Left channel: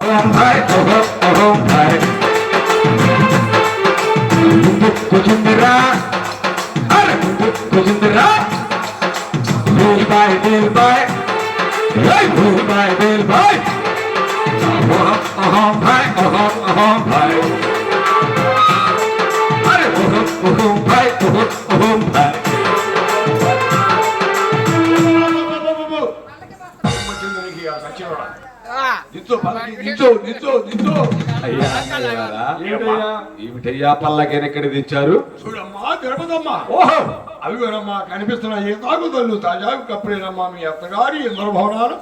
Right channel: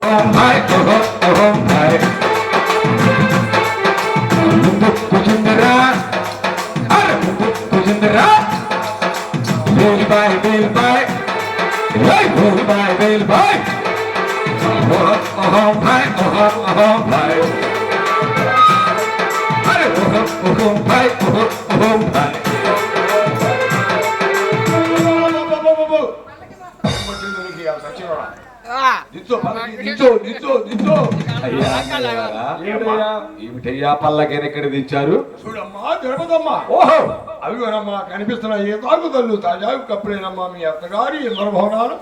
Oh my, oh my. Kujindra, are Kujindra. Bill by, hey, bill by. Oh my, oh my. Are oh my. ఏమిటయ్యా పల్లకెనెక్కడ తెచ్చారు? చూడమ్మా తిరుపతమ్మా. ఓహో అవిగోనమ్మా కనిపిస్తున్నాయి తాగుదల్లు తాజా కప్పుడేనమ్మా మీ అత్తగారి ఇంద్రభవనాలు.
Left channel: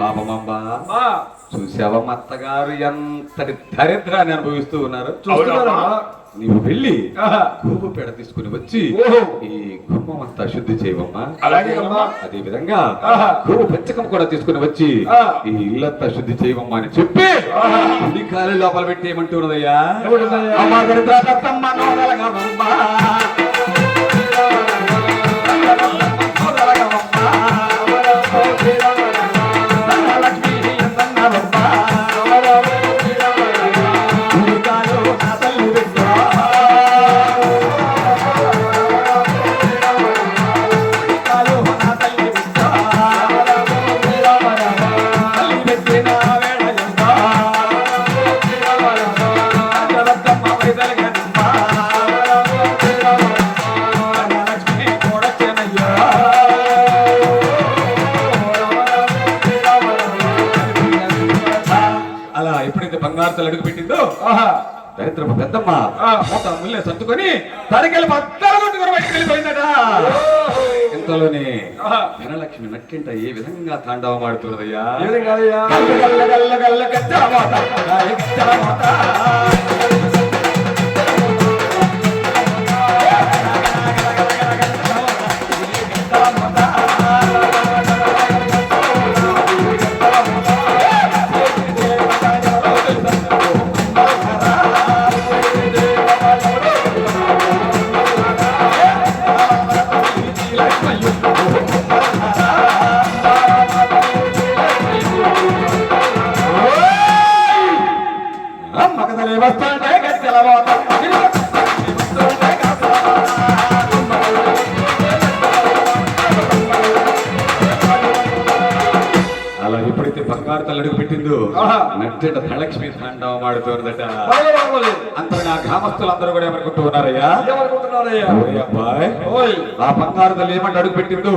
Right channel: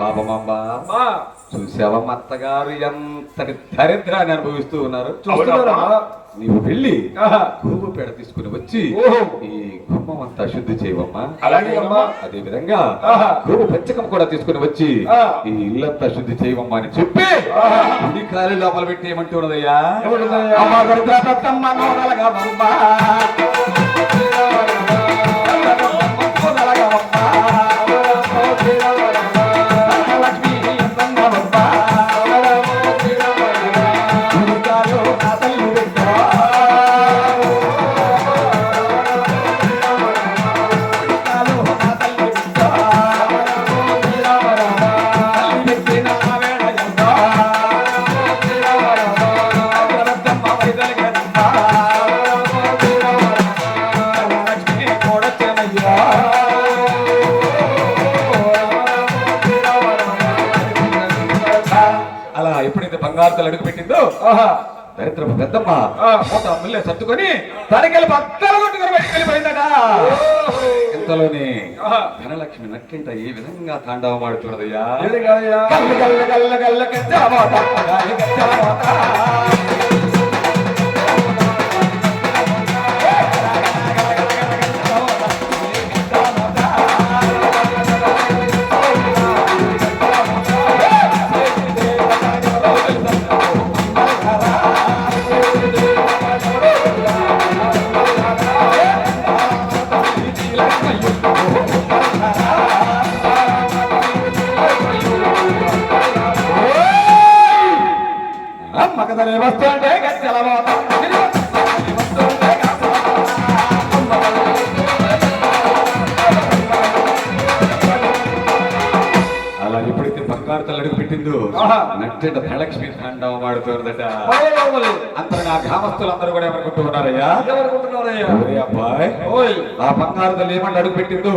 పాపమమ్మా చూసావా అత్తగారు ఎంతటి దరిద్రాన్ని అనుభవిస్తూ ఉన్నారు. నీవు వెళ్ళి గుమ్మ పేడ తీసుకుని వచ్చి ఈ గుమ్మం అంతా శుద్ధి చేయవమ్మా. అదే విధంగా గుమ్మ పంచకం కూడా తీసుకుని వచ్చి ఈ ఇల్లంతా శుద్ధి చేయవమ్మా అని చెప్పి ఈ కాలి లోపల పెట్టి ఏమంటున్నదయ్యా? అడుగు పెట్టిందో దరిద్రపు పెద్దమ్మ ముల్లే సర్దుకొని తనకెళ్ళి బద్దలు కొట్టుకుని బయటకు వెళ్ళిపోయిందట. ఇంతలోనే ధనలక్ష్మి నక్కింట ఏ విధంగా తాండవం ఆడుతున్నదయ్యా? అలా ఎప్పుడైతే బంగారు అడుగు పెట్టిందో నచ్చట ధనలక్ష్మి తాండవం ఆడుతున్నదట. అందరూ నా గ్రామస్తులు అందరూ కూడా ఏమనుకుంటూ ఉన్నారయ్యా? అబ్బాయి ఆ బంగారు తల్లి ఏమంటే అడుగు పెట్టిందో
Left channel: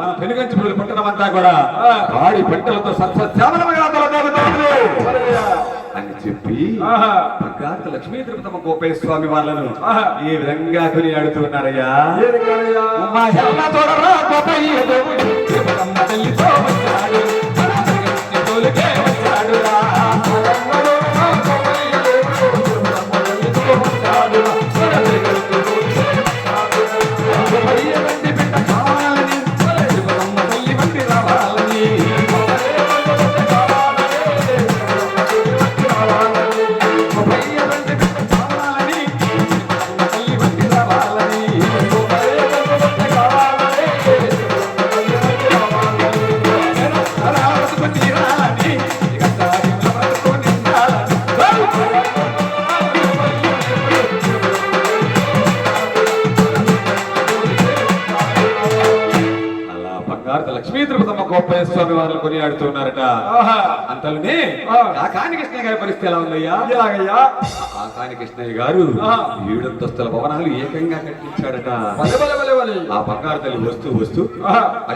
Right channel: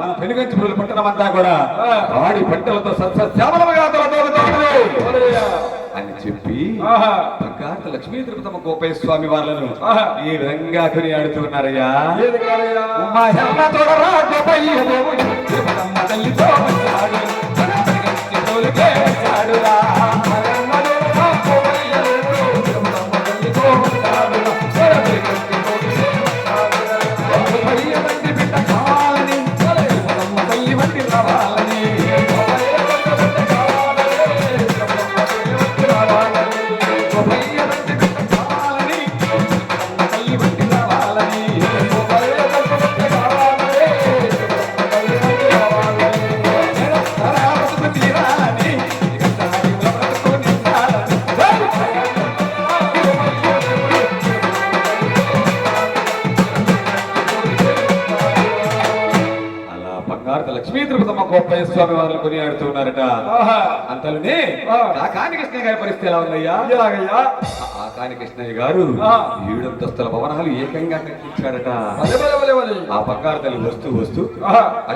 మన పెనుగంచి పట్టణం అంతా కూడా వాడి పంటలతో సస్యశ్యామలంగా అని చెప్పి బంగారు లక్ష్మీ తిరుపతమ్మ గోపయ్య స్వామి వాళ్ళను ఈ విధంగా కొని ఆడుతున్నారయ్యా. లక్ష్మీ తిరుపతమ్మ గోపయ్య స్వామి వారు కొని ఆడుతున్నారట. అంతలోనే కాకాని కృష్ణయ్య గారి పరిస్థితి ఎలా ఉందయ్యా? కాకాని కృష్ణయ్య గారు 7 అంతస్తుల భవనాలు ఏకంగా కట్టించాడట. ఆ బంగారు తల్లి వస్తూ వస్తూ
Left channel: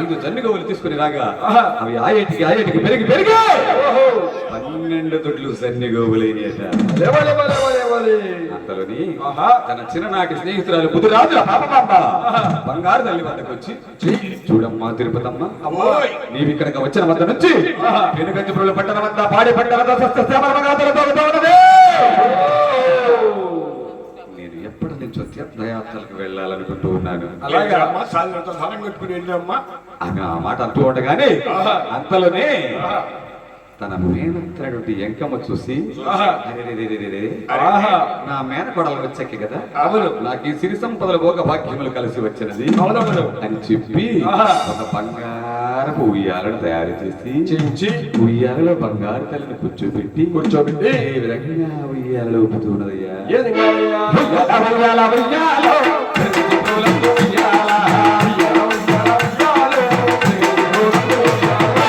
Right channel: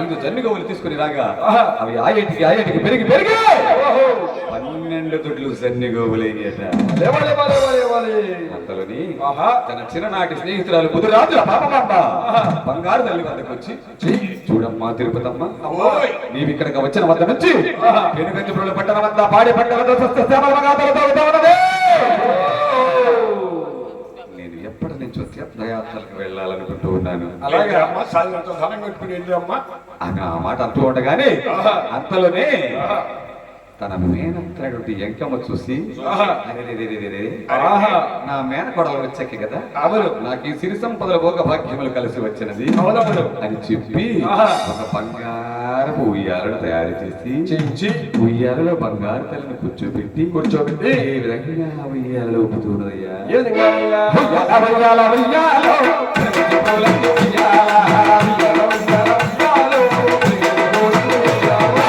5 జన్నుగోవులు తీసుకుని రాగా అవి ఆయటికి పెరిగి 12 దొడ్లు జన్నుగోవులయ్యట. అంతలోని తన చిన్ననాటి స్నేహితురాలు బుధురాజు బంగారు తల్లి వద్దకు వచ్చి, చూడమ్మా తిరుపతమ్మ, నీవు ఇక్కడికి వచ్చిన వద్ద నుంచి వెనుగంజపురుల పట్టణం వద్ద పాడి పట్టణ నేను ఎప్పటి నుంచో తీర్థయాత్రలకు వెళ్ళాలనుకుంటూ ఉన్నాను. ఆమె ఆ మాట అంటూ ఉండగానే అంతలోనే తన మేనత్రుడి ఎంకమ్మ చూసి, నా మేనకోడలు వచ్చాకే కదా, అవును, నాకు ఈ సిరి సంపదల భోగ భాగ్యములు కలిసి వచ్చినది అని చెప్పి ఒక బంగారు బంగారపు ఉయ్యాలను తయారు చేయించి ఉయ్యాలలో బంగారు తల్లిని కూర్చోబెట్టి ఏ విధంగా ఉయ్యాలలో ఊపుతున్నదయ్యా ఏ విధంగా అయ్యా? ఉయ్యాల, ఉయ్యాల, ఉయ్యాలో, ప్రగతి పూలందు ఉయ్యాల, ఉయ్యాల, ఉయ్యాల, ఉయ్యాలో, ప్రగతి పూలందు ఉయ్యాల,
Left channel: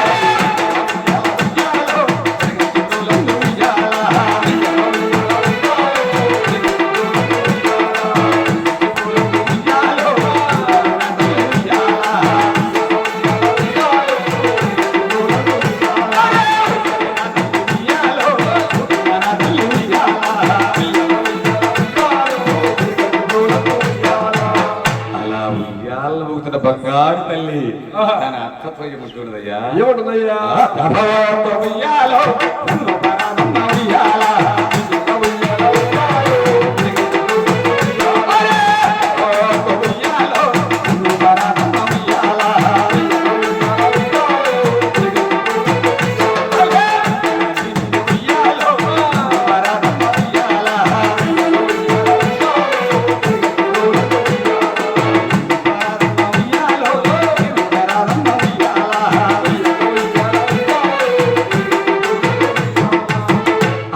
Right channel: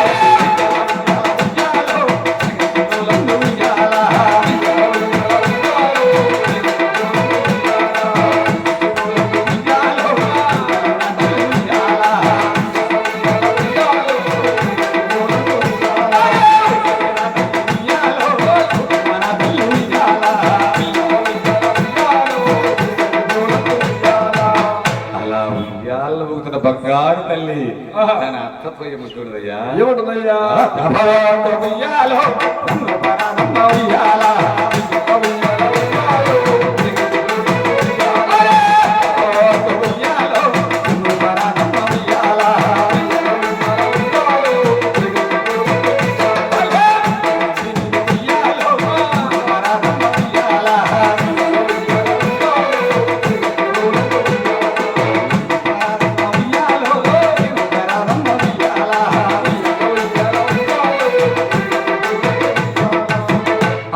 ఉయ్యాలో, ప్రగతి పూలందు ఉయ్యాల, ఉయ్యాల, అలా ఉయ్యాల ఊగుతున్న బంగారు తల్లి తన అత్తతో ఏముంటున్నదయ్యా ఏమంటుందయ్యా? ఉయ్యాలో ఉయ్యాల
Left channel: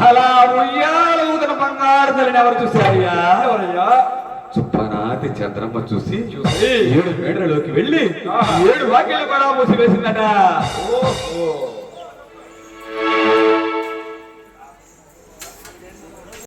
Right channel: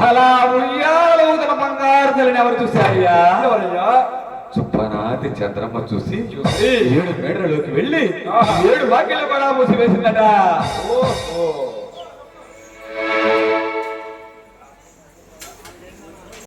అలా ఉయ్యాల ఊగుతున్న బంగారు తల్లిని ఎవరు చూశారయ్యా ఎవరయ్యా? చుప్పనాతి చంద్రమ్మ చూసి చూసి 7 మేడలలోకి వెళ్ళి 7 వాక్యాలు కూడా మూసివేసిందట ఓహో